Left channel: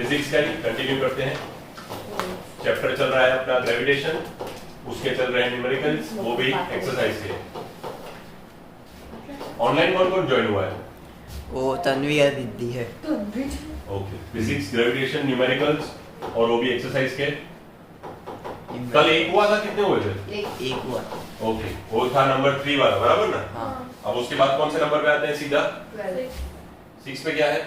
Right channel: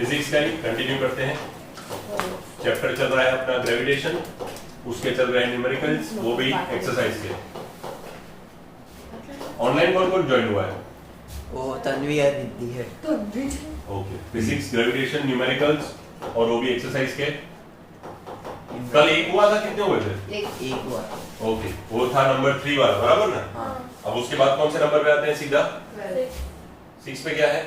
Physics का ही continue करते हैं। चैप्टर चल रहा है अपना ग्रेविटेशन, उसके चल रहे हैं न्यूमेरिकल्स, वो भी एक्सरसाइज के। ऑनलाइन कौन कौन ज्वाइन हुआ है? वो तन्वी और दीदी है। ओके, फिजिक्स, ग्रेविटेशन, न्यूमेरिकल्स और वो भी एक्सरसाइज के। कल एक हुआ था, कितने हुए थे? एक हुआ। ओके, वो था नंबर 3 वाला, बराबर ना? अब उसके बाद कौन से नंबर पे आते हैं सीधा? 6 पे क्या है?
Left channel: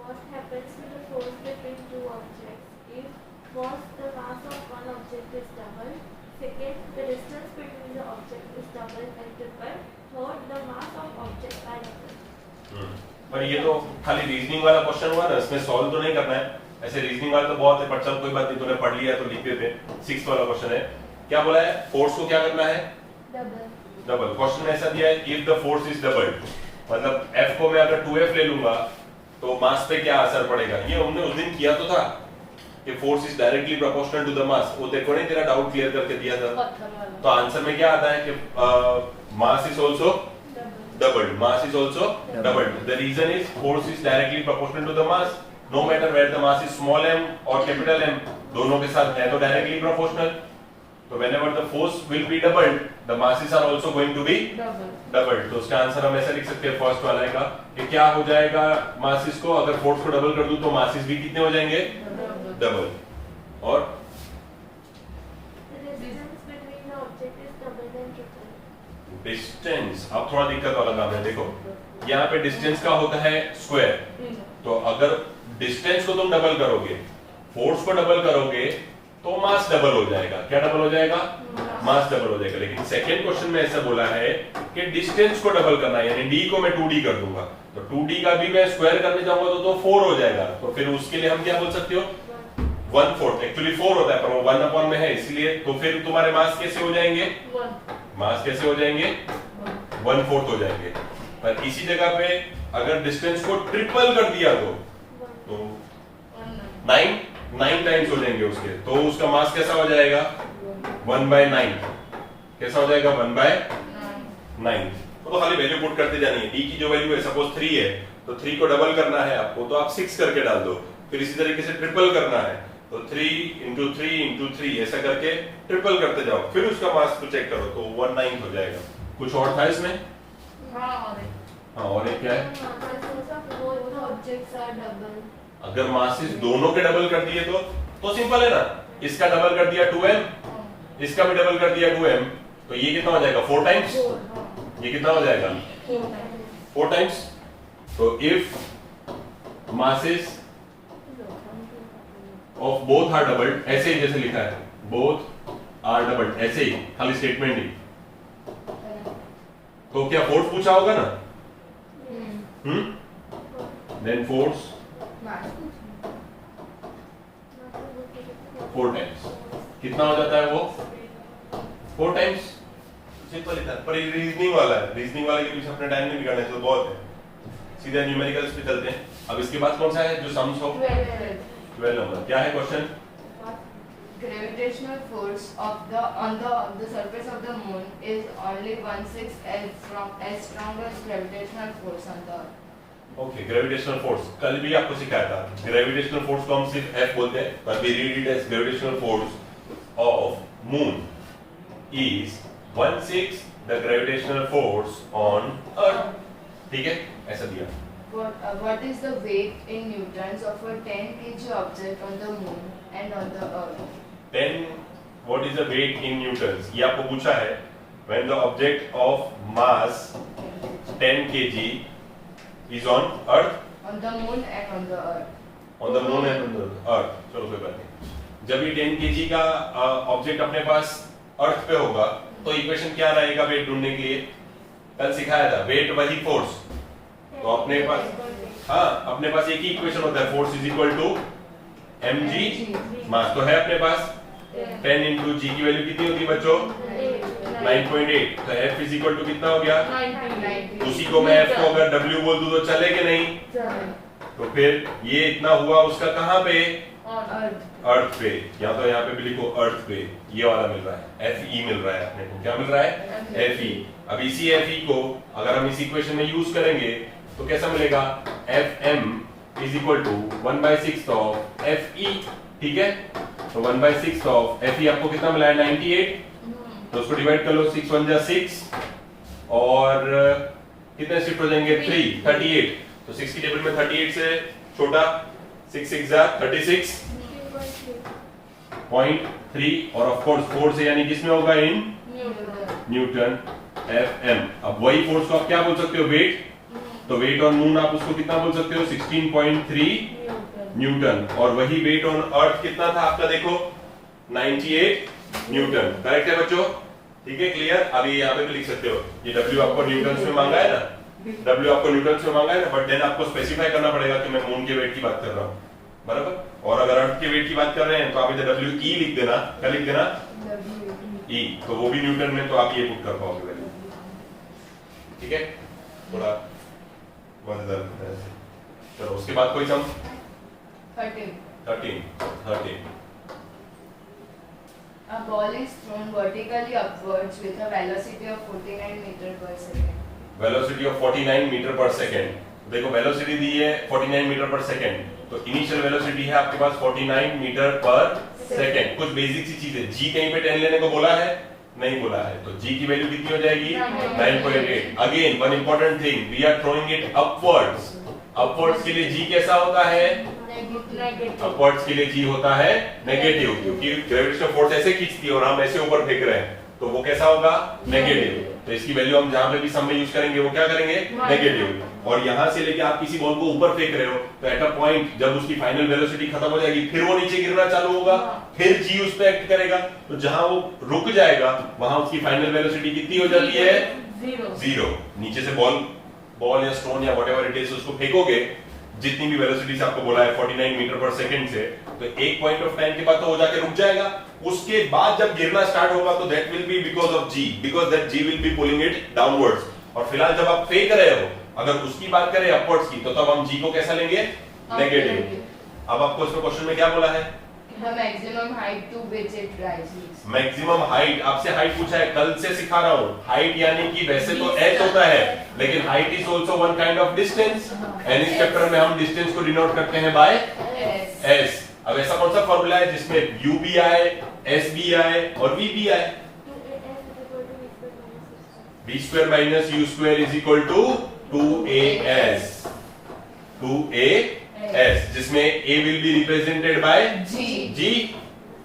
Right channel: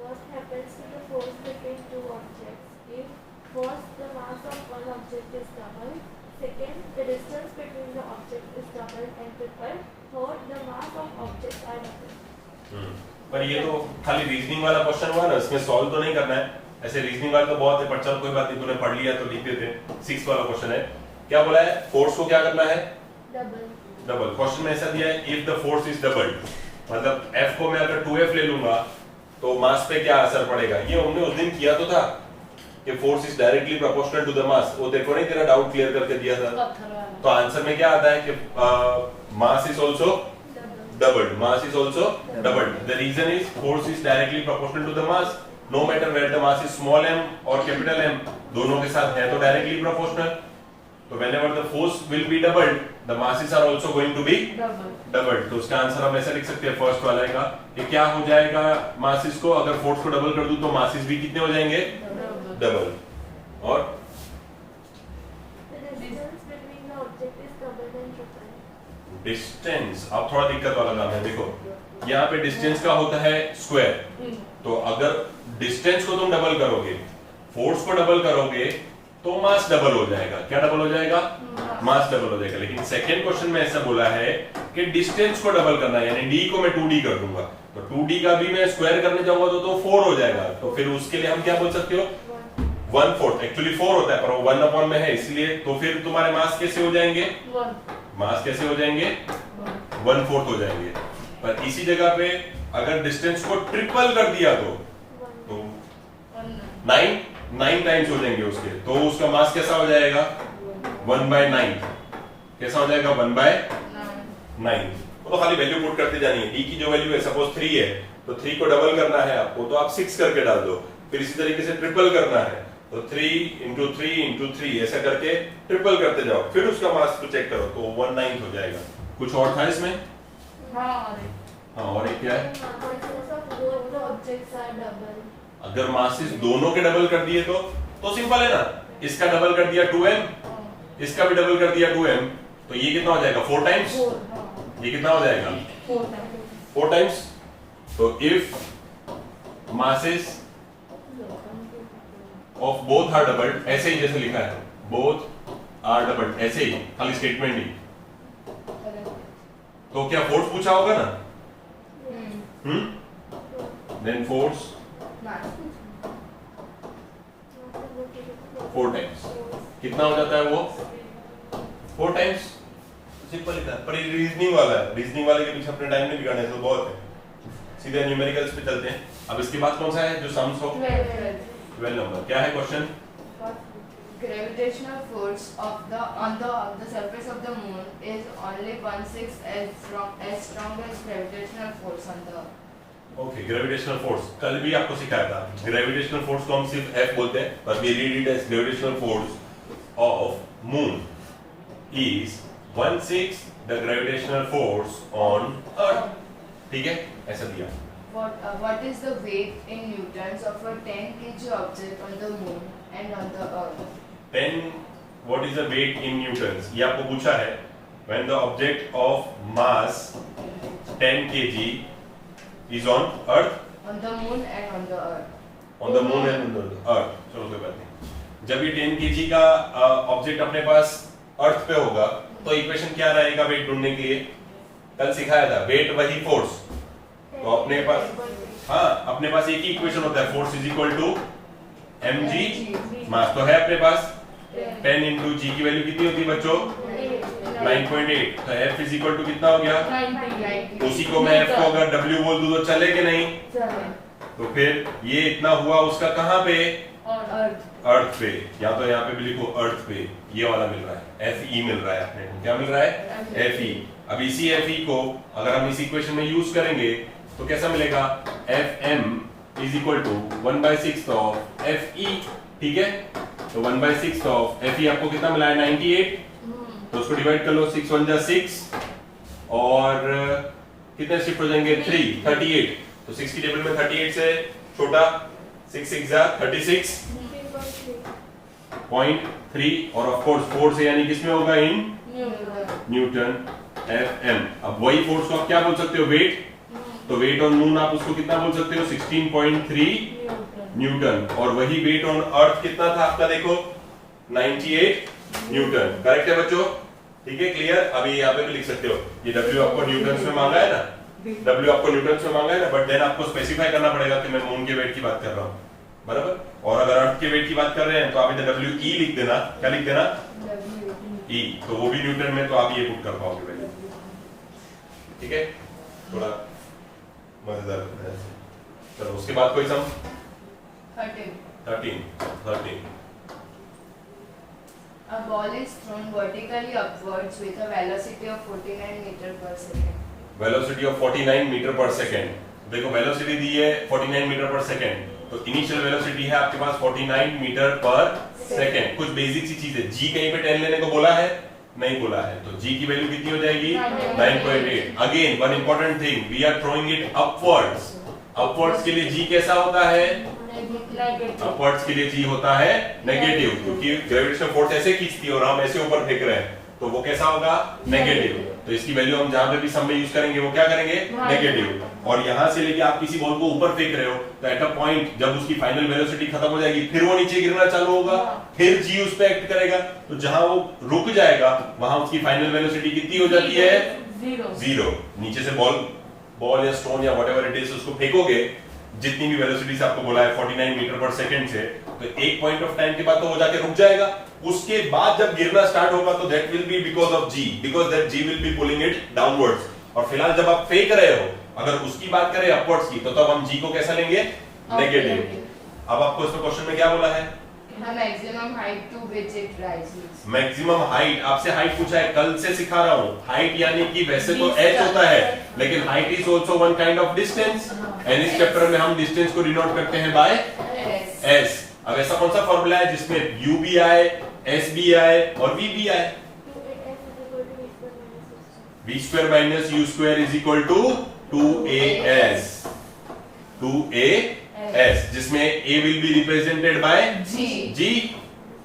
What happens to the force between two objects if first the mass of one object is doubled, second the distance between the object is doubled and tripled, third the mass of objects are doubled. पर ये तो खाली reasoning वाला question हुआ ना, इसमें solve तो नहीं करना है। ऐसे रीजनिंग वाले तो बहुत है, पर चल कोई बात नहीं, तूने पढ़ लिया तो लिख देते। 6 वाला क्वेश्चन है, क्या बोला है? फोर्स को क्या करना है? डबल। क्वेश्चन में ऐसा दिया है, if the force is doubled, मतलब F को मैं अगर 2F ले लूंगा तो मास पे क्या असर पड़ेगा? ये हमने उस दिन किया तो था कि force is directly proportional to the mass. वो देखो नहीं, तेरा डाउट क्लियर करके दिया था। तो आंसर में क्या आता है कि mass is also doubled. Mass is also doubled. The reason is force is directly proportional to the mass. No matter whether the mass is small m or capital M, दोनों के साथ है तो directly proportional. तो whenever the force will be doubled, the masses are also going to be doubled. तो उसका answer हम ऐसा लिख सकते हैं फर्स्ट वाले का कि क्या हो जाएगा masses को, अगर फोर्स को डबल कर दूं तो masses भी कितने हो जाएंगे? डबल। और The distance between the object is doubled and tripled. Distance अब थोड़ा दिक्कत वाला काम है। देखो यहाँ पे डिस्टेंस का होता है स्क्वायर, तो अगर डिस्टेंस को तुम डबल करोगे, फोर्स को डबल करोगे तो मास डबल हो जाएगा। क्या डबल हो जाएगा? मास डबल हो जाएगा। लेकिन सेकंड क्वेश्चन में ऐसा बोला है कि डिस्टेंस को डबल करना है, यानी डी को मैं 2d कर दूंगा, तो 2d का भी मैं स्क्वायर करने जाऊंगा तो 4 हो जाएगा। तो फिर उसके लिए हम क्या बोल सकते हो? 1/4। एक्चुअली 4 होता है पर वो 1/, में है इसलिए। तो फिर तुम्हारे मास कैसे हो जाएंगे? मास कैसे हो जाएंगे? 1/4 हो जाएंगे। पर इसी जगह पे अगर डिस्टेंस को ट्रिपल कर दिया तो 9 टाइम्स हो जाएंगे उसके, तो उसका मास कैसा हो जाएगा? 1/9। कैसा हो जाएगा? 1/9। तो खाली वैल्यू पुट करते जानी है। डी की जो वैल्यू है सपोज 3 है, तो 3 को डबल करना है आपको, तो आप 6 करके डाल दो। फिर इसी तरीके से ट्रिपल करना है, तो 3 × 3 × 3 ऐसा करके ट्रिपल करते जाओ, फिर उसका मास को चेक करो तो 1/9 हो जाएगा। कुछ और था इसमें? हाँ, और एक क्या है? Masses of both the objects are doubled. अगर मासेस दोनों के डबल कर दिए तो सिंपल है ना, इसका डबल कर दिया 2m, इसका भी डबल कर दिया 2m, तो ये कितना हो जाएगा? 4 टाइम्स। ये कितना हो जाएगा? 4 टाइम्स। तो if masses of both are doubled, ऐसे ही जैसे लिखा है बोथ आर डबल्ड, ऐसे ही खाली स्टेटमेंट ही, तो क्या फोर्स पूछा होगा ना? Then force 4 times. कितना हो जाता है वो? 4 टाइम्स। सिंपल लिखा है, पर ये रीजनिंग वाला है, रीजनिंग वाले के पीछे अपना टाइम नहीं बिगाड़ना है, तो बहुत है। सीधा न्यूमेरिकल्स पे चलते हैं। अब इसके बाद कौन सा है जो सम्स हो? 12 नंबर। क्या है question? Gravitational force on the surface of the moon is only 1/6 as strong as gravitational force on the earth. Okay, gravitational force कल भी आपको सिखाया था। ग्रेविटेशनल फोर्स को हम सिर्फ F बोलते हैं, पर we read it as gravitational force of moon is 1/6 the gravitational force on earth. ठीक है, ऐसा दिया। What is the weight in newtons of a 10 kg object on the moon and on the earth? 10 what is the weight in newtons? ये आपको पूछा है। When the object of mass 10 kg is on earth, On the moon and on the earth. on the moon and on the earth, चलो कोई बात नहीं। जब ये 10 kg का ऑब्जेक्ट अपने पास अर्थ पे होगा तो इक्वेशन क्या रहेगा वेट ढूंढने के लिए? कल सिखाया था, वेट वही फोर्स। तो अपने पास, हाँ, अपने पास एक ही इक्वेशन होता है, force is equal to mg mass तो है अपने पास। 10 × g की वैल्यू कितनी होती है बच्चों? 9.8। तो F इज इक्वल टू कितना हो गया? 90. उसी को मैं F को अगर W बोल दूं तो चले कि नहीं? तो फिर ये इतना हुआ उसका कहाँ पे? अर्थ पे। या तो यहाँ पे भी लिखो अर्थ पे, ये वाला मिल रहा है, Fe मिल रहा है अपने को। क्या मिल रहा है? Fe। अब इसी Fe को अगर हम इस इक्वेशन में यूज करेंगे तो कैसा मिलेगा? Fm is equal to 1/6 of F E. ठीक है, तो 1/6 ऑफ एफ ई आपको कितना मिला है 98, तो उसको डिवाइड कर लो 6 1 जा 6 और कितने शिफ्ट हो जाएंगे 3 38, तो 6 की टेबल में 38 से छोटा 6 6 जा 36.3 और ऑफ कोर्स फोर्स है यानी किसमें होगा इन न्यूटन एफ एम। अब वही फोर्स को आप क्या बोल सकते हो वेट, तो वेट ऑन मून आप उसको कितना बोल सकते हो 16.3 न्यूटन और वही वेट ऑन अर्थ कितना था आपका देखो 98 न्यूटन। करेक्ट है बच्चों, ठीक है क्लियर। अभी यहाँ पे भी लिख सकते हो ये W आपको न्यूटन में मांगा है ना, W आपको न्यूटन में मांगा है ना, बट देन आपको स्पेसिफाई करना पड़ेगा कि मैं मून के वेट की बात कर रहा हूँ, बराबर। और अगर अर्थ के वेट की बात कर रहे हैं तो आप इधर WE लिख देना, क्या लिख देना E, तो वो भी न्यूटन में, तो आप ये पुट कर पाओगे वैल्यू। ठीक है, थोड़ा मजेदार। चलो उसके बाद कोई सम 13 A ball is thrown vertically upwards with a velocity of 49 meter per second. Velocity of 49 metre per second. देखो वेलोसिटी दी है 49 मीटर पर सेकेंड, तो इनिशियल वेलोसिटी है आपके पास 49 मीटर पर सेकेंड। कुछ बेसिक सी चीज है, जी कहीं पे 10 लेने को बोला है, नहीं बोला है, तो जी की वैल्यू कितनी हो जाएगी 9.8। Again one important thing, we are throwing it upwards. Upwards के लिए जी कैसा होता है, अपवर्ड्स के लिए जी होता है नेगेटिव, क्योंकि ग्रेविटेशनल फोर्स ऐसे खींचती है और हम ऐसे ऊपर फेंक रहे हैं, तो वो कैसा होगा नेगेटिव। तो इसकी वैल्यू हम जहां पे भी सम में यूज करेंगे वो क्या करेंगे नेगेटिव। और यहां से लेके आप किसी बॉल को ऊपर फेंक रहे हो तो एट अ पॉइंट जब उसकी फाइनल वेलोसिटी खत्म हो जाएगी फिर वो नीचे गिरना चालू होगा, फिर जी उस पे एक्ट करेगा, तो जहां वो रुक जाएगा वहां उसकी फाइनल वेलोसिटी कितनी हो जाती है 0। नीचे से बॉल या स्टोन या व्हाटएवर इट इज उसको फेंकोगे, जितनी भी वेलोसिटी से आपको बोला है 49 मीटर पर सेकंड से, तो एक पॉइंट ऑफ टाइम के बाद तो वो जाके रुक जाएगा। उसके बाद जब गिरना स्टार्ट होगा तो that will be because of g, because that g will be pulling it downwards. और फिलहाल जब आप फेंक रहे हो, अगर उसकी बात करें अपवर्ड्स की, तो तब हम जी को कैसा लेंगे नेगेटिव। अब आपको इसमें क्वेश्चन में क्या बोला है, The maximum height to which it rises. Maximum height, आपसे हाइट पूछा है, कल से सिखा रहा हूँ। हाइट यानी कि वैसे तो h होता है, लेकिन height is also one kind of distance, and इस चैप्टर में हम डिस्टेंस को डिनोट करते हैं बाय s। अब ऐसा कौन सा फॉर्मूला है जिसमें u भी आए, s भी आए और v भी आए, v square minus u square is equal to 2as, 2as, जिसमें a will be represented by g,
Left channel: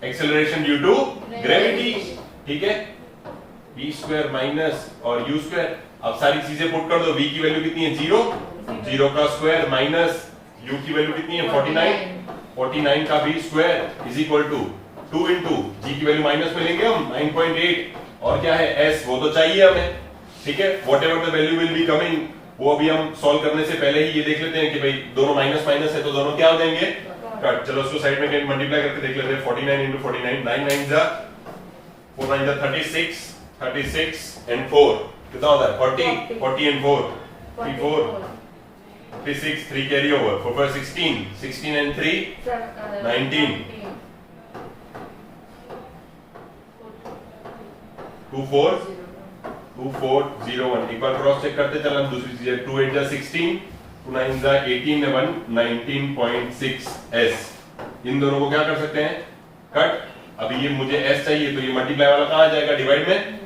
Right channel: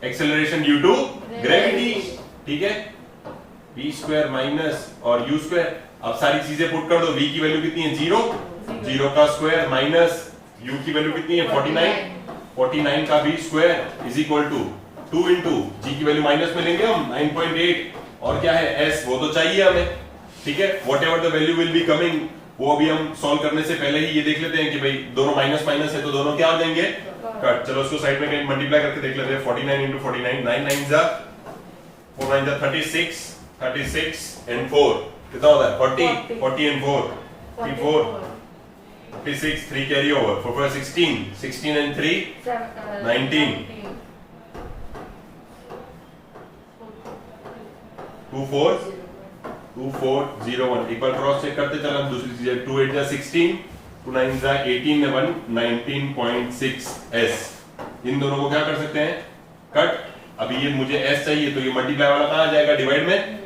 acceleration due to gravity। ठीक है, v square minus और u square, अब सारी चीजें पुट कर दो, v की वैल्यू कितनी है 0, 0 का स्क्वायर माइनस u की वैल्यू कितनी है 49, 49 का v square is equal to 2 into g की वैल्यू माइनस में लेंगे हम 9.8, और क्या है s, वो तो चाहिए हमें। ठीक है, whatever the value will be coming, वो अभी हम सॉल्व करने से पहले ही ये देख लेते हैं कि भाई दोनों माइनस माइनस है तो दोनों क्या हो जाएंगे कट। चलो उसको साइड में मल्टीप्लाई करके देख लेते हैं, 49 into 49, 9 9 जा 4 9 जा 36, 36 and 4 कितना होता है 40, 40 and 4 54, 56, 3 कैरी ओवर 4 4 16, 16 and 3 19, 2 4 2 4 0 1। एक बार क्रॉस चेक करते चल, हम दूसरी चीज है 2 8 जा 16, 2 9 जा 18 ने 1 19.6 s। इन दोनों को क्या कर सकते हैं कट। अभी ये मुझे s चाहिए तो ये मल्टीप्लाई वाला कहां आ जाएगा डिवाइड में,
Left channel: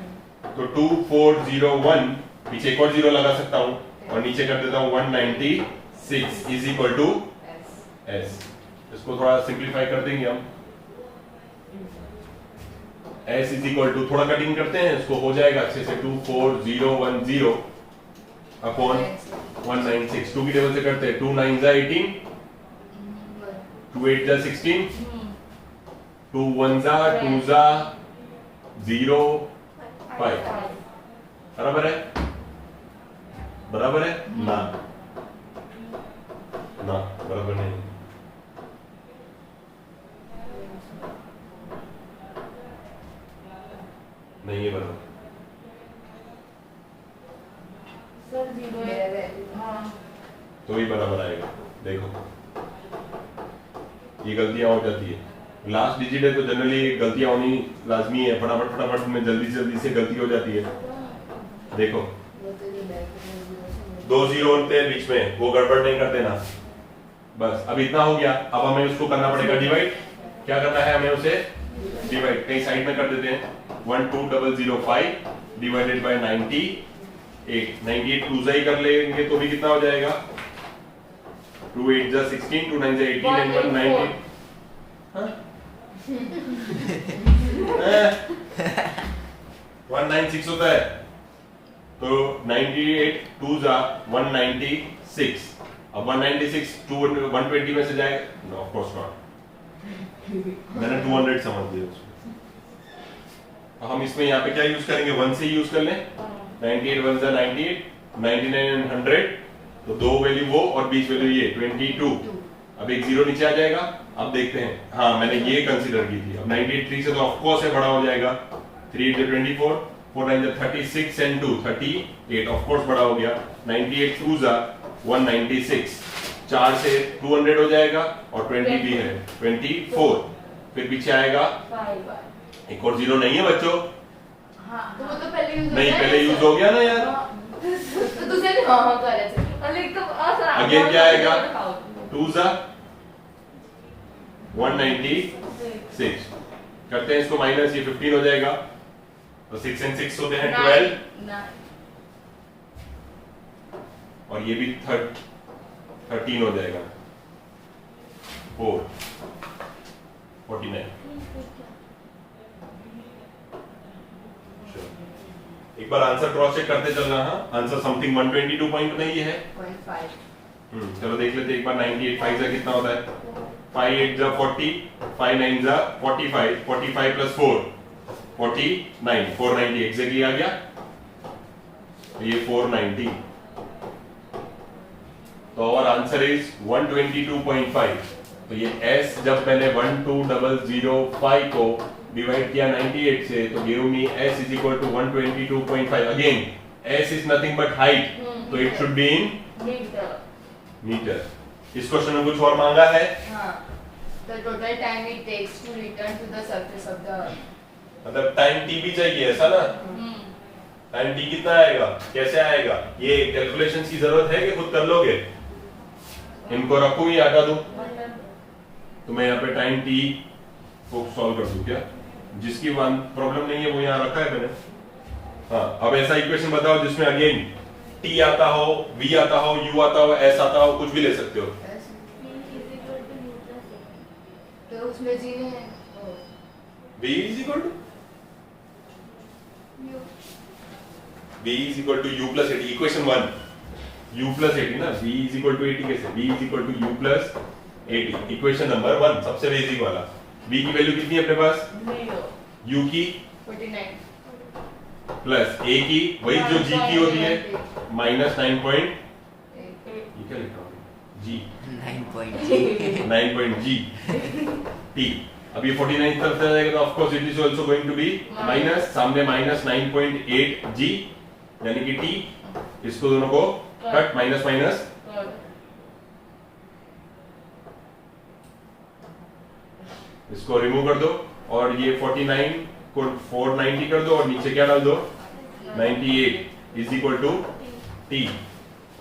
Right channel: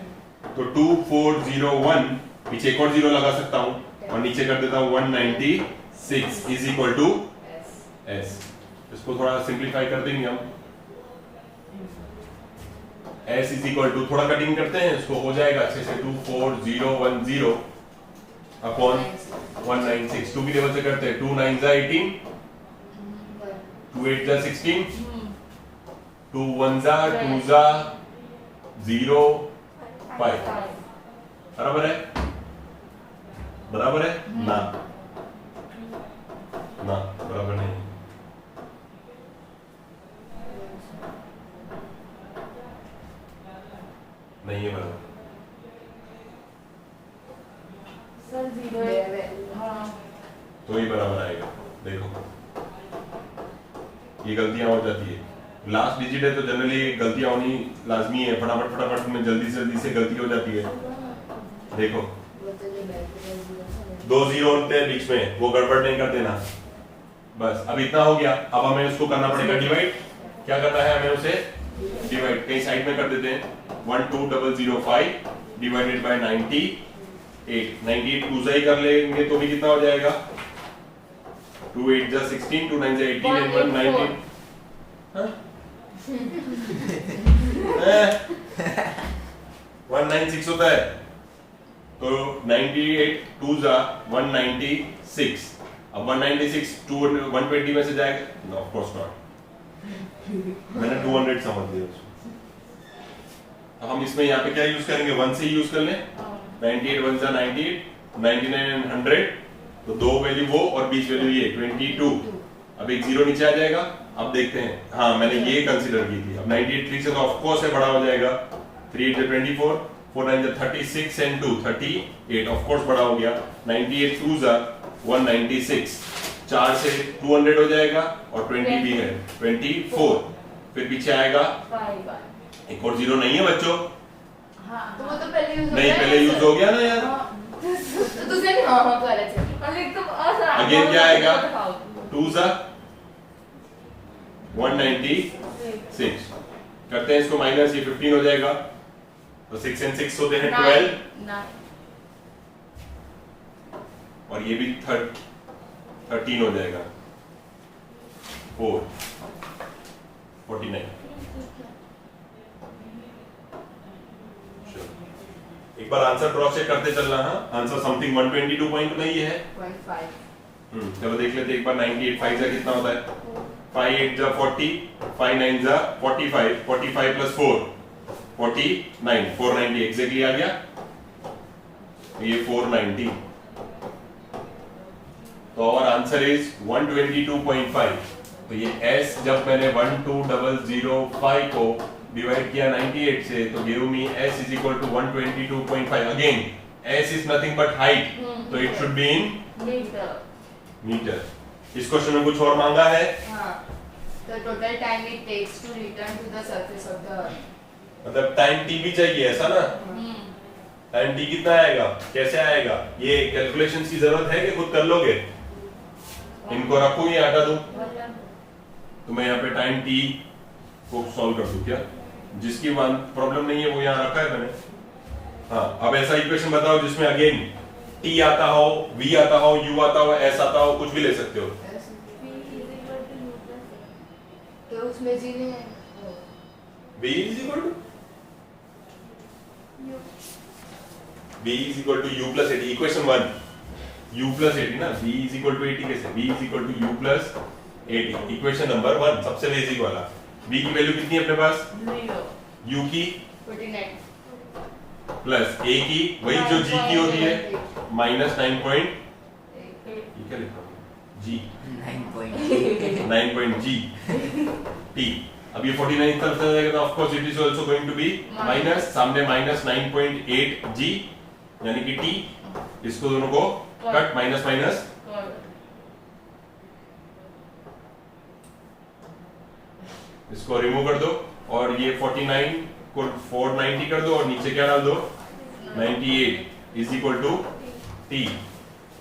तो 2 4 0 1 पीछे एक और 0 लगा सकता हूं और नीचे कर देता हूं 196 इज इक्वल टू s। इसको थोड़ा सिंप्लीफाई कर देंगे हम, s इज इक्वल टू, थोड़ा कटिंग करते हैं इसको, हो जाएगा अच्छे से 24010 अपॉन 196। 2 की टेबल से करते हैं, 2 9 जा 18, 2 8 जा 16, 2 1 जा 2 जा 0 5, बराबर है, बराबर है ना, ना बराबर नहीं, नहीं है बराबर, सर 0 हाँ तो ही बराबर आएगा। देखो ये गलतियां हो जाती है, लास्ट डिजिट है तो जनरली गलतियां होनी लाजमी है, फटाफट फटाफट में जल्दी से गलती हो जाती है। देखो 2 0 बनते हैं बीच में, वो गड़बड़ नहीं कर देना, बस अब इतना हो गया। अब हमें उसको करना पड़ेगा डिवाइड। क्या करना है हमें उसे डिवाइड, कहीं साइड में कर देते हैं। 12005 डिवाइडेड बाय 98, 98 टू ही कर लेंगे तो भी कितना हो जाएगा, 2 8 जा 16, 2 9 जा 18 and 1 19। हाँ? 196 होता है तो 98 2 जा 196। अब 196 120 में से जाएगा, नो ऑफ कोर्स नॉट, मैंने 200 समझ दिया उसको। हम इसमें यहाँ पे क्या यूज करेंगे, 1 से यूज कर लें। 98 1 जा 98, 99 and 100, तो दो वैल्यू वो और 20 वैल्यू ये 22। अब एक जीरो नीचे आ जाएगा। अब देखते हैं, हाँ मैंने ये कंसीडर की थी। अब 98 3 से तो ऑफ कोर्स है बड़ा हो जाएगा। 3 8 24, 4 9 36 and 2 38, ऑफ कोर्स बड़ा हो गया। 98 2 जा 196, 4 से 200 हो जाएगा और 20 भी है 24। फिर पीछे आएगा एक और जीरो नहीं है बच्चों, तो वो तो पहले यूज नहीं पहले यूज हो गया ना यार। तो दूसरे ने हाँ हाँ कर ऐसे और एक तो आसान अगेन क्या आएगा, 2 जा 196, करते हैं इसको माइनस, ये 15 हो जाएगा तो 6 and 6 होते हैं 12 और ये भी 13 हो जाएगा 4 49। एक बार आंसर क्रॉस चेक करते चलना। हाँ आंसर समथिंग 122 पॉइंट नहीं है। 0.5 चलो देख लेते एक बार। 98 5 जा कितना होता है, 5 8 जा 40, 5 9 जा 45, 45 प्लस 4 49, 490 एग्जैक्टली आ गया। ये 490, तो आवर आंसर इज 122.5। तो ये S जब मैंने 12005 को डिवाइड किया 98 से तो give me S is equal to 122.5। Again S is nothing but height, तो it should be in metre. इस क्वेश्चन में कुछ और मांगा है। The total time it takes to return to the surface of the earth. मतलब time t भी चाहिए ऐसा ना। टाइम t कितना आएगा, कैसे आएगा, ये कैलकुलेशन की जरूरत है कि खुद कर लोगे? इनको रखूं या हटा दूं? तो मैं यहाँ पे टाइम t को सॉल्व कर दूं क्या? जिसकी प्रॉब्लम नहीं है वो यहाँ रखा है मैंने। हाँ अब ऐसा इक्वेशन बताओ जिसमें अगेन t आता हो, v आता हो, u आता हो, s आता हो, कुछ भी ले सकते हो। तो उसमें जी है v is equal to u plus 80, equation 1 u plus 80 ना, v is equal to 80 कैसे, v is equal to u plus 80, equation number 1 सबसे बेसिक वाला। v की वैल्यू कितनी है अपने पास, u की 49 प्लस a की वही जो g की होती है माइनस 9 पॉइंट, ये क्या लिखा है g 9 पॉइंट g t। अब ये 49 तरफ से जाएगा तो of course it is also going to be minus, सामने माइनस 9.8 g यानी कि t, इसको दोनों को कट, माइनस माइनस इसको रिमूव कर दो और ये 49 को 490 कर दो और नीचे क्या डाल दो 98 इज इक्वल टू t।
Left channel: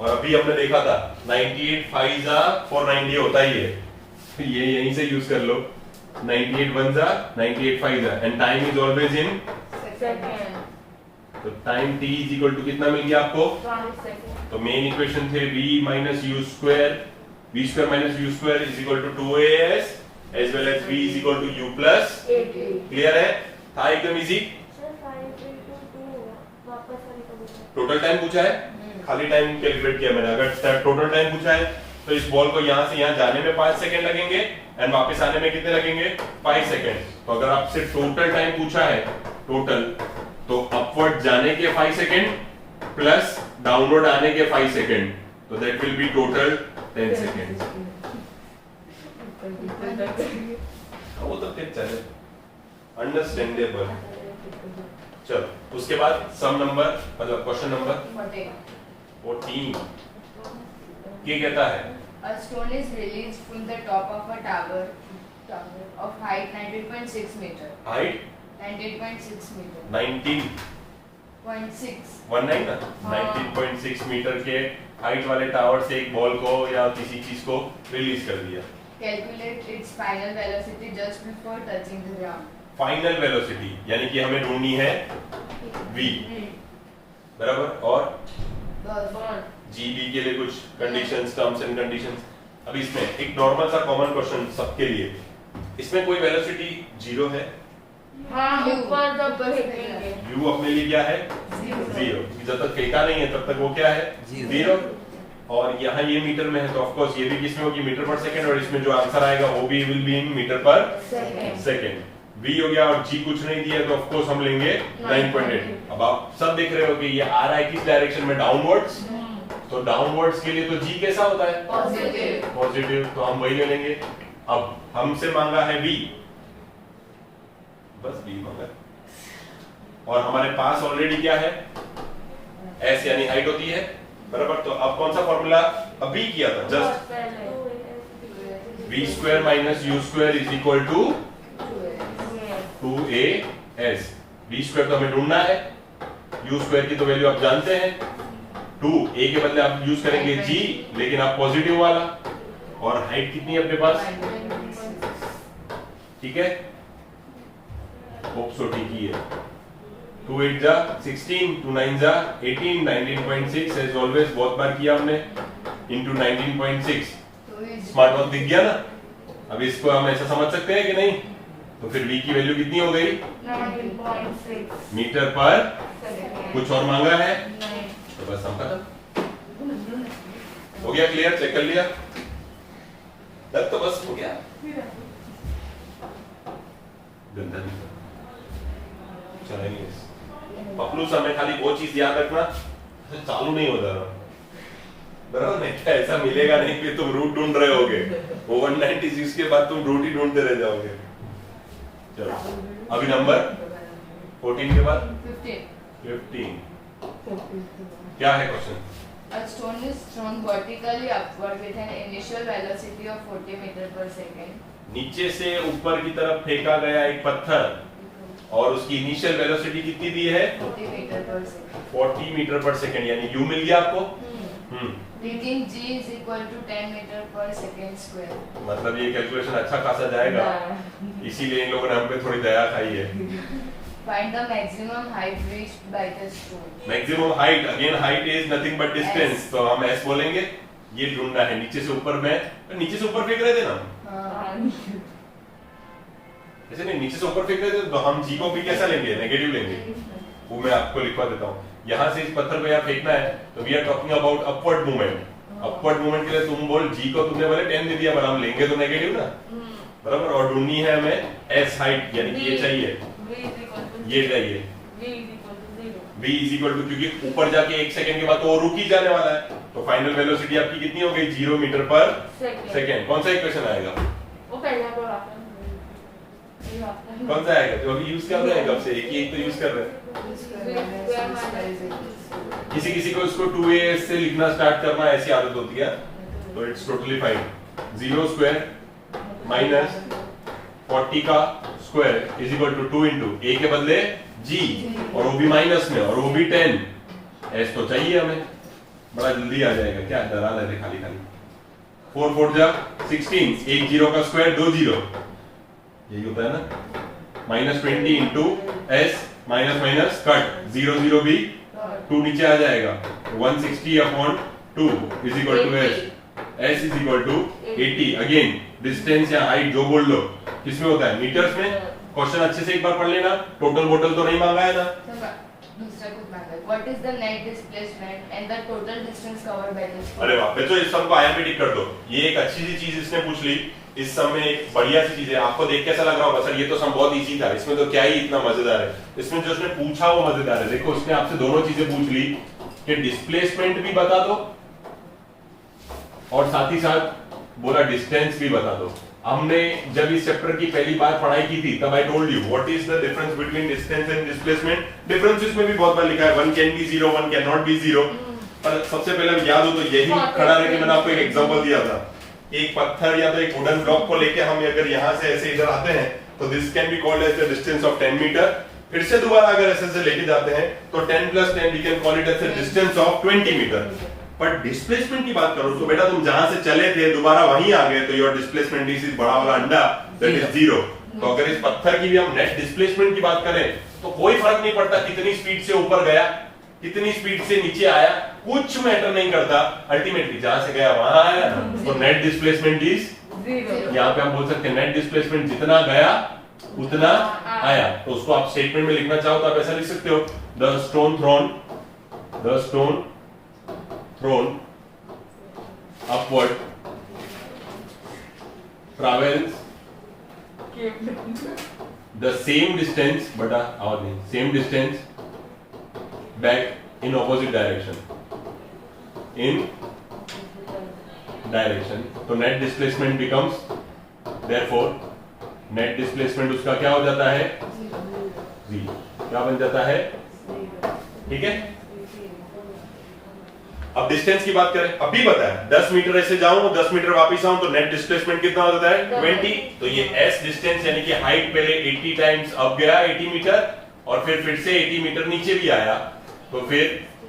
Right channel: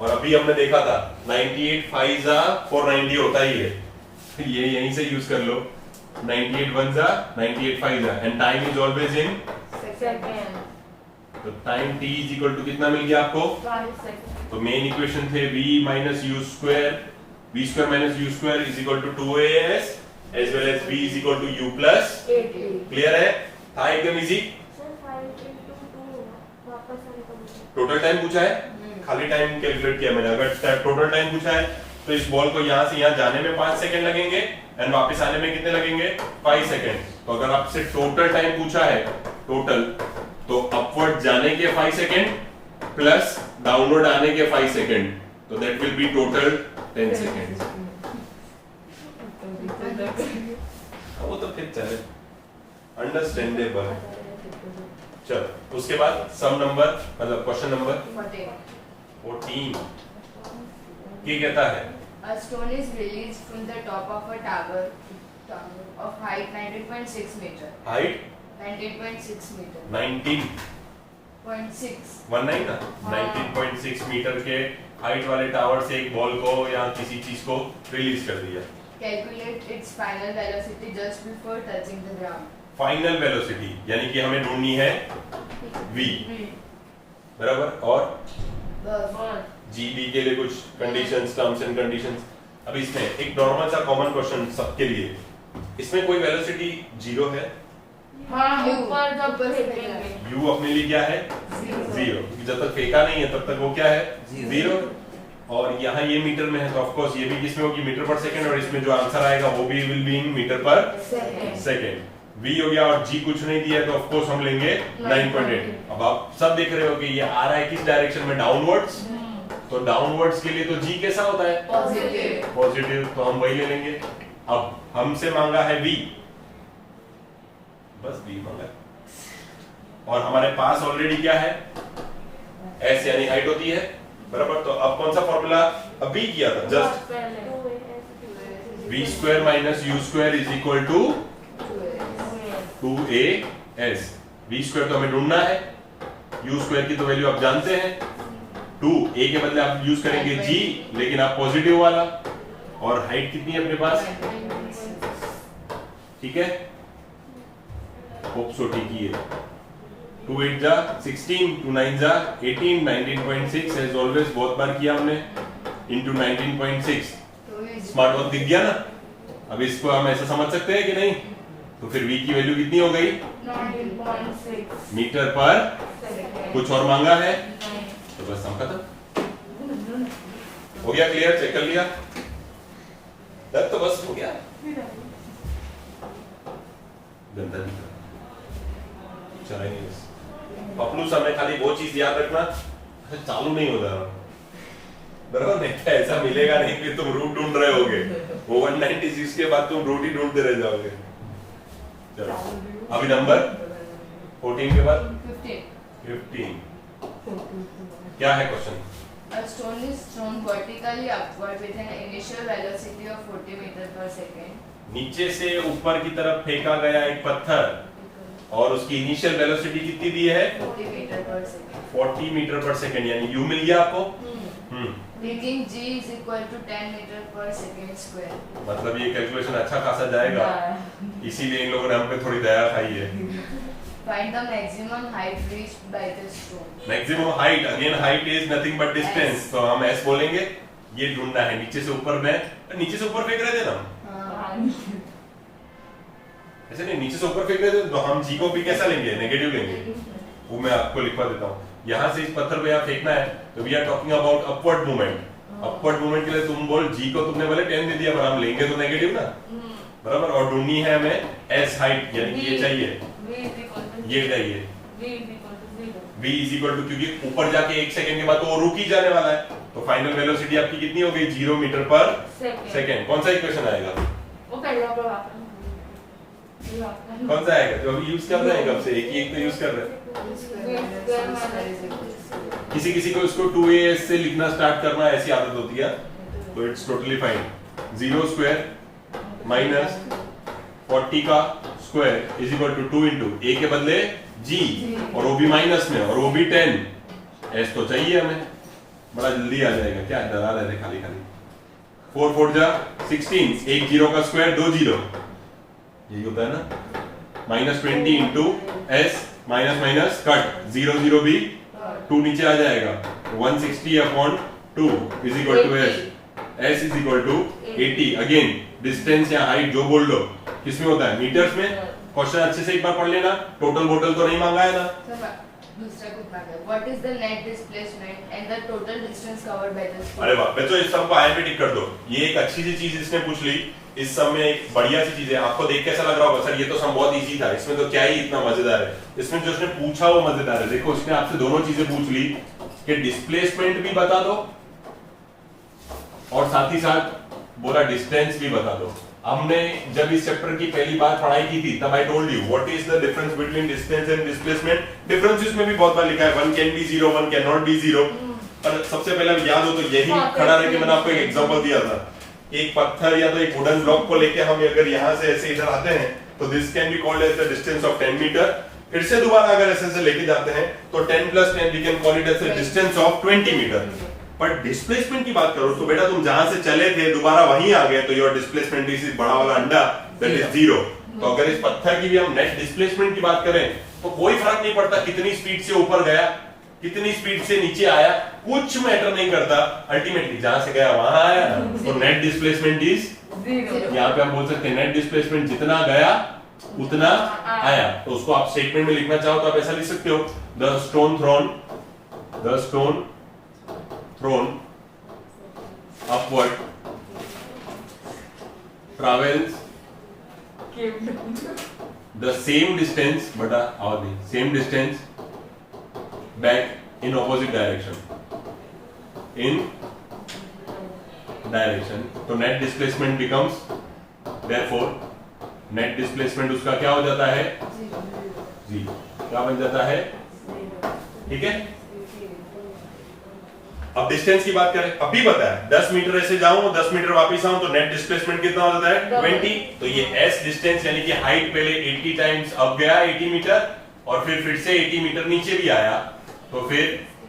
और अभी हमने देखा था 98 5 जा 490 होता ही है, ये यहीं से यूज कर लो। 98 1 जा 98 5 जा and time is always in second. तो time t is equal to कितना मिल गया आपको, 1 second. तो मेन इक्वेशन थे v minus U square, v square minus U square is equal to 2as as well as v is equal to u plus 8 clear है, था एकदम easy. Sir, 5 into 2 होगा, वापस वाले को पूछा। टोटल टाइम पूछा है, खाली टाइम कैलकुलेट किया मैंने। अगर टोटल टाइम पूछा है तो इस बॉल को यहाँ से यहाँ जाने में 5 सेकंड लगेंगे एंड वापस आने में कितने लगेंगे 5 सेकंड। तो अगर आपसे टोटल टाइम पूछा है टोटल, तो अपवर्ड जाने के 5 सेकंड प्लस डाउनवर्ड आने के 5 सेकंड, तो that will B total 10 second. वो तो फिर चले अंडरस्टैंडेबल। चल उसके बाद सम नंबर मतलब क्वेश्चन नंबर 14 क्या कहता है, A stone is released from the top of a tower of height 19.6 meter. Height 19.6 meter. 19 0.6. 19 ना हाँ। 19.6 मीटर के हाइट वाले टावर से एक बॉल को या किसी चीज को रिलीज कर दिया। Calculate its final velocity just before touching the ground. Final velocity यानी कि हमें ढूंढनी है v, बराबर, और gb के लिए कुछ कंडीशंस, टर्म्स एंड कंडीशंस। अब इसमें एक नॉर्मल सा कॉमन क्वेश्चन सबके लिए, इसमें कोई वेलोसिटी जीरो है? हाँ, ऊपर जब फेंकेंगे u अपने लिए क्या है? जीरो। जब तक फेंका नहीं है तब तक वो क्या है? जीरो। और यहाँ ये मीटर में है तो ऑफ कोर्स ये भी किसमें होगी? मीटर पर सेकंड, और इसमें जो आंसर आएगा वो भी विल बी इन मीटर पर सेकंड। v हो गया और g कुछ नहीं दिया तो ऑफ कोर्स हम लेंगे 9.8। अब आप सब देख रहे हो कि ये आ रहा है किस डायरेक्शन में? डाउनवर्ड्स। तो डाउनवर्ड्स के लिए तो g कैसा होता है? पॉजिटिव। पॉजिटिव, तो हम वही ले लेंगे। अब हमसे मांगा है v, बस v मांगा, और हमारे पास ऑलरेडी क्या है? s यानी हाइट होती है, बराबर। तो अब कौन सा फॉर्मूला अब भी किया था? Just v square minus u square is equal to 2as। v square तो हमें ढूंढना है, u स्क्वायर की तो वैल्यू आप जानते हैं 2, a के बदले आप यूज करेंगे g, लेकिन आप पॉजिटिव वाला, और हाइट कितनी है अपने पास? ठीक है, होप सो ठीक ही है। 2 8 जा 16, 2 9 जा 18, 19.6 एज ऑलवेज, बहुत बार किया हमने, इनटू 19.6। स्मार्ट वर्क दिख गया ना? अब इसको हम ऐसा समझ सकते हैं कि नहीं? तो फिर v की वैल्यू कितनी हो गई? 19.6 मीटर पर। कुछ और मांगा है तो बस हम खत्म हो गया। क्लियर? चेक कर लिया तो बस हो गया। गंदा नहीं चला नहीं। पपलू सर में खाली वो चीज याद रखना, चालू नहीं हो रहा, बराबर? नहीं तो ऐसा मिलेगा नहीं कि तुम रूट ढूंढ रहे होगे, वो 196 के बाद तुम रूट ही ढूंढते रह जाओगे। चलो अभी नंबर 14 के बाद 15 क्या है question? A stone is thrown vertically upward with an initial velocity of 40 meter per second. नीचे से ऊपर की तरफ फेंका गया एक पत्थर और उसकी इनिशियल वेलोसिटी कितनी दी है? 40 meter per second. 40 मीटर पर सेकंड, यानी u मिल गया आपको। Reading g is equal to 10 meter per second square. मतलब ये कैलकुलेशन अच्छा खासा जाएगा, इसीलिए इन लोगों ने हम पे थोड़ी दया खाई है। Find the maximum height reached by the stone. Maximum height, again height is nothing but distance, तो हम s बोलेंगे। ये ढूंढना है नीचे से ऊपर में, नीचे से ऊपर फेंक रहे थे ना, ऐसे नहीं, नीचे से ऊपर फेंक रहे थे तो हम g को भी कैसा लेंगे? नेगेटिव लेंगे। वो मैं आपको लिखवा देता हूँ। यहाँ से इस पत्थर को यहाँ फेंकना है तो we are talking about upward movement. Upward movement के लिए तुम बोल g को तुमने बोले 10 दे दिया, पर हम लेंगे तो नेगेटिव ना, बराबर। और ढूंढनी है हमें s हाइट, यानी ये चाहिए, ये चाहिए v इज इक्वल टू, क्योंकि ऊपर जाके 1 सेकंड के बाद तो वो रुक ही जाने वाला है, तो फाइनल वेलोसिटी आपकी कितनी हो गई? 0 मीटर पर सेकंड। कौन सा इक्वेशन आएगा? कौन सा आएगा जो अभी यूज कर रहे हैं? कब से एक तो यूज कर रहे हैं। किसी किसी को इसको 2as से लिखना स्टार्ट करना ऐसी आदत होती है, तो it's totally fine. 0 square minus 40 का square is equal to 2 into a के बदले g, और वो भी माइनस में, और वो भी 10। s तो चाहिए हमें, बड़ा जल्दी आ जाएगा, क्या डरा रहे थे खाली खाली। 4 4 जा 16, एक 0 का स्क्वायर 2 0, यही होता है ना। Minus 20 into s, minus minus cut, 0 0 भी 2 नीचे आ जाएगा, 160 upon 2 is equal to s is equal to 80। Again distance या हाइट जो बोल लो, किसमें होता है? मीटर्स में। क्वेश्चन अच्छे से एक बार पढ़ लेना, टोटल बोटल तो नहीं मांगा है ना। दूसरा कुछ मांगा है, what is the net displacement and the total distance covered by the stone. अरे वाह बच्चों, इस सब को आयन पे टिक कर दो। ये एक अच्छी सी चीज इसने पूछ ली, इस सब में एक बढ़िया सी चीज है। आपको देख कैसा लग रहा होगा? सर ये तो सब बहुत इजी था, इसमें तो क्या ही इतना मजेदार है। इसमें जो उसने पूछा वो मजेदार है। देखो उसने आपसे दोनों चीजें पूछ ली कि डिस्प्लेसमेंट भी बता दो और साथ ही साथ बोला डिस्टेंस भी बता दो। हमने जब इस चैप्टर की पहली बार पढ़ाई की थी तब I told you what is the difference between distance and displacement. Difference इसमें भी बहुत बार लिखा है, one can be zero, one can not be zero. पर सबसे पहले याद हो तो यही खड़ा रह के मैंने आपको एक एग्जांपल दिया था। एक पत्थर या तो एक वुडन ब्लॉक को लेके हम अगर यहाँ से ऐसे इधर आते हैं तो this can be called as the distance of 10 metre. फिर से दोबारा अगर ऐसे से लेके जाते हैं तो 10 + 10 we can call it as the distance of 20 metre. पर डिस्प्लेसमेंट की बात करो तो बेटा तुम जहां से चले थे दोबारा वहीं आ गए, तो योर डिस्प्लेसमेंट इज बड़ा वाला अंडा दैट इज 0। तो अगर इस पत्थर की भी हम नेट डिस्प्लेसमेंट की बात करें तो कोई फर्क नहीं पड़ता कितनी स्पीड से ऊपर गया, कितनी स्पीड से नीचे आया, कुछ मैटर नहीं करता, अल्टीमेटली जहां से गया वहां आया ना। तो नेट डिस्प्लेसमेंट इज 0। यहाँ पे हम बोल सकते हैं नेट डिस्प्लेसमेंट जितना गया उतना आया। तो उसको आप स्टेटमेंट में लिखना चाहो तो आप ऐसा लिख सकते हो, the stone thrown upward travels the same distance, बटा आवाज नहीं, same distance back in opposite direction, तो net displacement becomes, therefore net displacement उसका क्या हो जाता है, 0। क्या बन जाता है, ठीक है। अब डिस्टेंस की बात करें, अब भी पता है 10 मीटर ऐसे जाऊं 10 मीटर वापस आऊं तो नेट डिस्प्लेसमेंट कितना हो जाता है, 20। तो ये s डिस्टेंस यानी कि हाइट पहले 80 टाइम्स अप गया 80 मीटर और फिर से 80 मीटर नीचे भी आया, तो फिर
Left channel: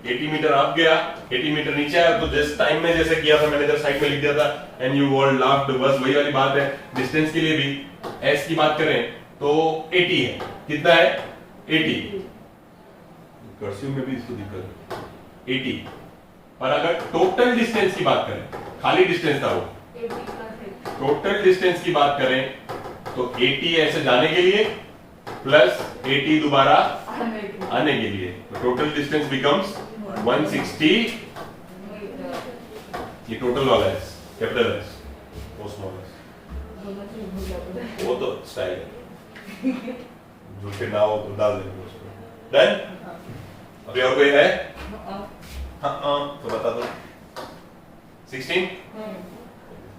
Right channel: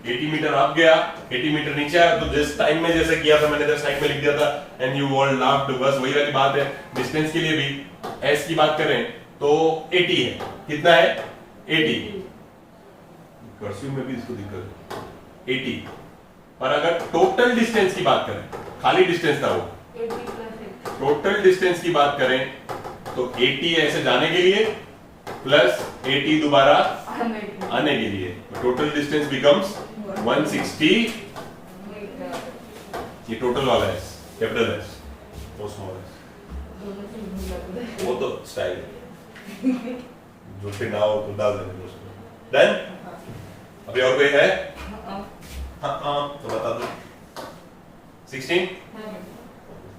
80 मीटर अप गया 80 मीटर नीचे आया। तो जिस टाइम में जैसे किया था मैंने, जस्ट साइड में लिख दिया था एंड यू ऑल लाफ्ड, बस वही वाली बात है। डिस्टेंस के लिए भी s की बात करें तो 80 है, कितना है 80, कर्सिव में भी इसको दिक्कत है 80। और अगर टोटल डिस्टेंस की बात करें, खाली डिस्टेंस था वो, टोटल डिस्टेंस की बात करें तो 80 ऐसे जाने के लिए प्लस 80 दोबारा आने के लिए, तो टोटल डिस्टेंस बिकम्स 160। ये टोटल वाला है कैपिटल एस, वो स्मॉल एस, वो तो स्टाइल है जो फिर ना हो तो डाल देंगे उसमें। डन। अभी और कोई है? हाँ तो बता दो। 16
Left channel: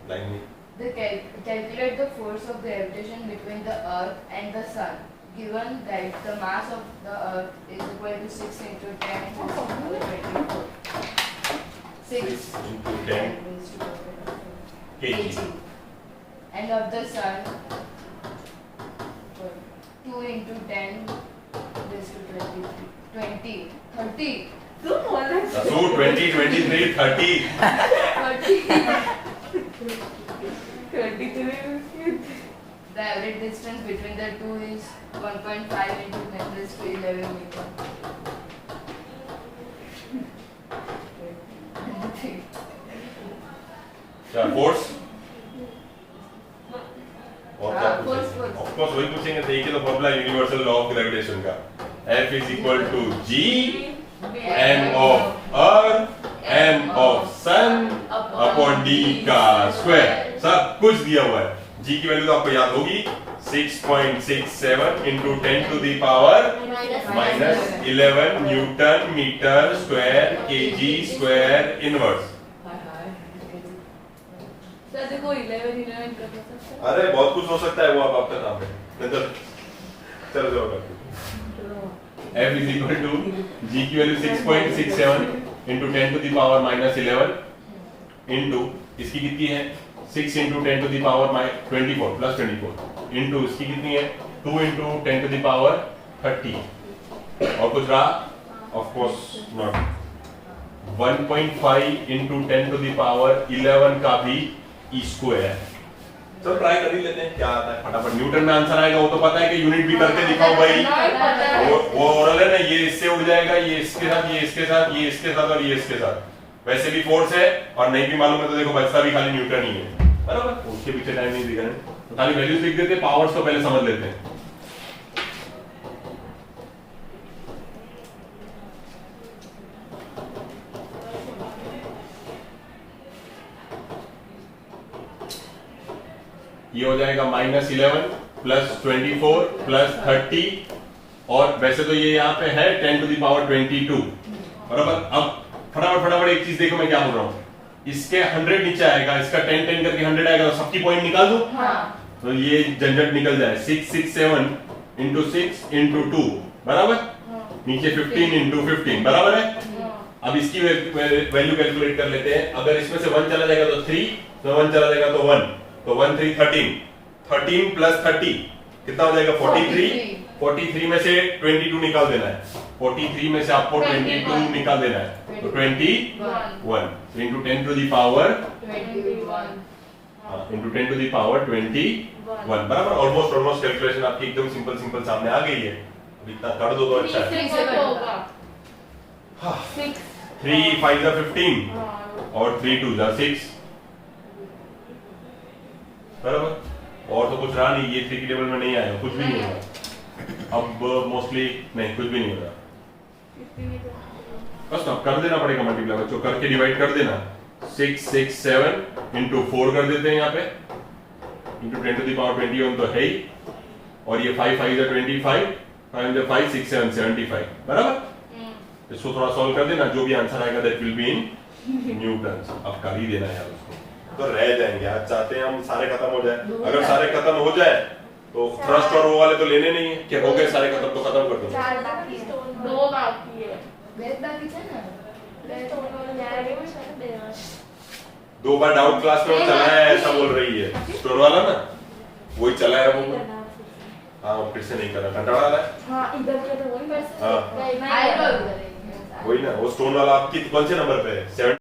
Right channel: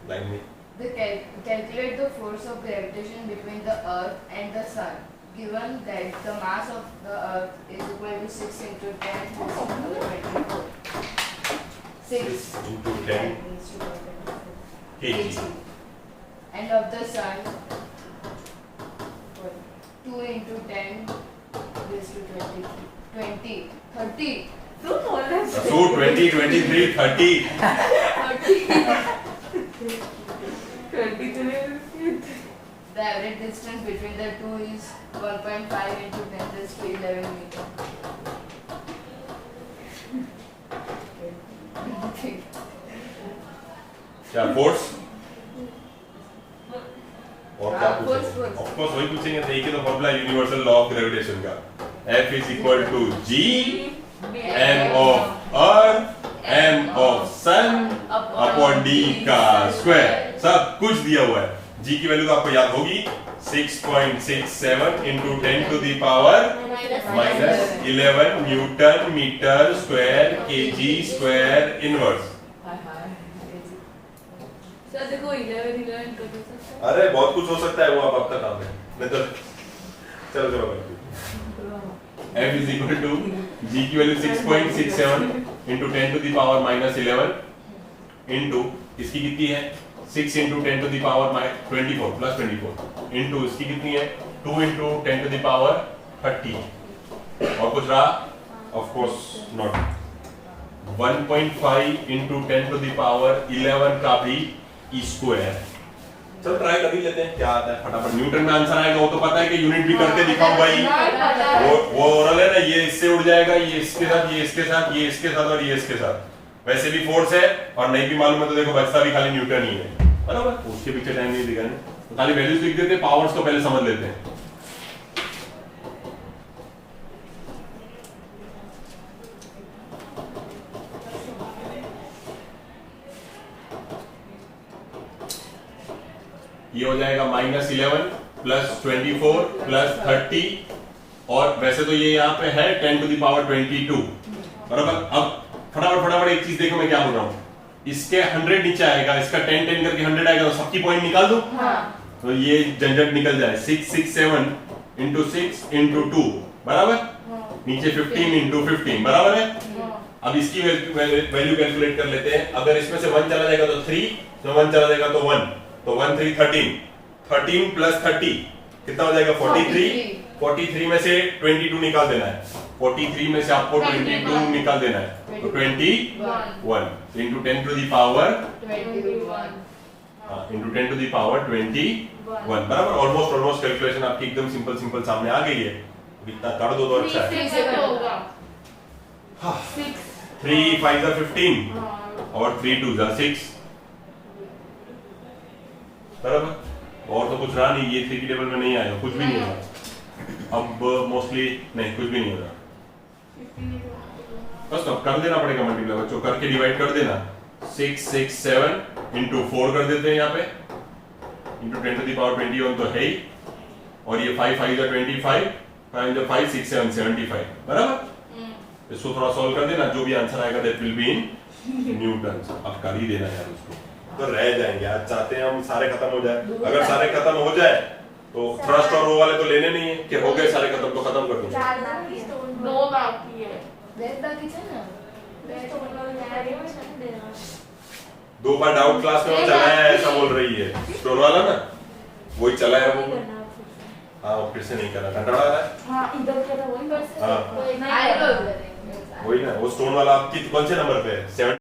लाइन में Calculate the force of gravitation between the Earth and the Sun, given that the mass of the Earth is equal to 6 into 10 to the power 24. 6 into 10 kg. And of the Sun, 2 into 10 raised to 20, 30. So 20, 23, 30. 23. The average distance between the two is 1.5 into 10 raised to 11 meter. क्या force और क्या force, पूछेंगे? force. Of course वही पूछेंगे, तो एक ही तो formula universal law of gravitation का, F is equal to G m of earth m of sun upon d का स्क्वायर, सब कुछ दिया हुआ है। G की वैल्यू तो आपको याद होगी 6.67 into 10 to the power -11 newton metre square kg square inverse. Sir देखो 11 कर सकते हैं। अरे बहुत कुछ हो सकता है, वो अब आपका काम है, नहीं तो चलो चलो। F is equal to G की value 6.67 into 10 to the power -11 into इसकी कितनी है 6 into 10 to the power -24 plus 24 into इसकी कितनी है 2 into 10 to the power 30 और कुछ रहा, of course not, 1.5 into 10 to the power 11 का भी e square। चलो ट्राई कर ही लेते हैं क्या आता है फटाफट। न्यूटन में आंसर आएगा वो तो पता है कि यूनिट भी करके दिखाओ भाई, वो ओरल है ना, ये इससे उड़ जाएगा, ये इसके साथ, ये इसके साथ, ये इसके साथ और ये इसके साथ। वैसे भी फोर्स है और नहीं भी मालूम है तो देखो बचता भी खाली न्यूटन ही है, बराबर। उसके पीछे टाइम नहीं दिखा, तो खाली वैल्यूज लिख देते, पावर्स को पहले समझ लेते हैं। ये हो जाएगा -11 प्लस 24 प्लस 30 और वैसे तो ये यहाँ पे है 10 to the power 22, बराबर। अब फटाफट एक चीज देखो मैं क्या बोल रहा हूँ, इसके 100 नीचे आएगा, इसका 10 10 करके 100 आएगा, तो सबकी पॉइंट निकाल दो। तो ये झंझट निकल जाए, 667 into 6 into 2 बराबर, नीचे 15 into 15 बराबर है। अब इसकी वैल्यू कैलकुलेट कर लेते हैं। अगर इसमें से 1 चला जाएगा तो 3, तो 1 चला जाएगा तो 1, तो 1 3 13 प्लस 30 कितना हो जाएगा 43। 43 में से 22 निकाल देना है, 43 में से आपको 22 निकाल देना है, तो 21 into 10 to the power 21. into 10 to the power 21, बराबर। ऑलमोस्ट कैलकुलेशन आपकी एकदम सिंपल सामने आ गई है। अब इतना कर दो तो अच्छा है। 3 से क्या होगा? हाँ, 6 3 5 are 15 और 3 2 are 6, बराबर। और तो कुछ रहा नहीं, ये 3 के टेबल में नहीं आएगा, कुछ भी नहीं होगा अब, मोस्टली नहीं, कुछ भी नहीं होगा। बस ना कर देना पड़ेगा मल्टीप्लाई, बच्चों करके डिवाइड कर देना। 6 6 7 into 4 कर देते हैं यहाँ पे, into 10 to the power 21 तो है ही, और ये 5 5 are 25, 5 5 6 7 75, बराबर। इसको थोड़ा सॉल्व कर देना, जो भी आंसर आएगा that will be in Newton's. अब कर ही देना यार उसको, तो रह जाएंगे। आज चाहते हैं हम सारे खत्म हो जाए, अगर सारे खत्म हो जाए तो फर्स्ट और रो वाले तो लेने नहीं है कि हो गए सारे खत्म, तो खत्म कर दो। 2 बाकी है। Where's बाकी है ना? 2 बार डाउट क्लास में वो चला है ऐसा बोल रही है, स्टोर वाला ना, वही चला है वो। हाँ, फिर से नहीं करना, कंटाला आ रहा है। हाँ, इधर क्या था वही वैसे हाँ। आएगा उधर। वही ना, वो स्टोन वाला आपकी कौन से नंबर पे है?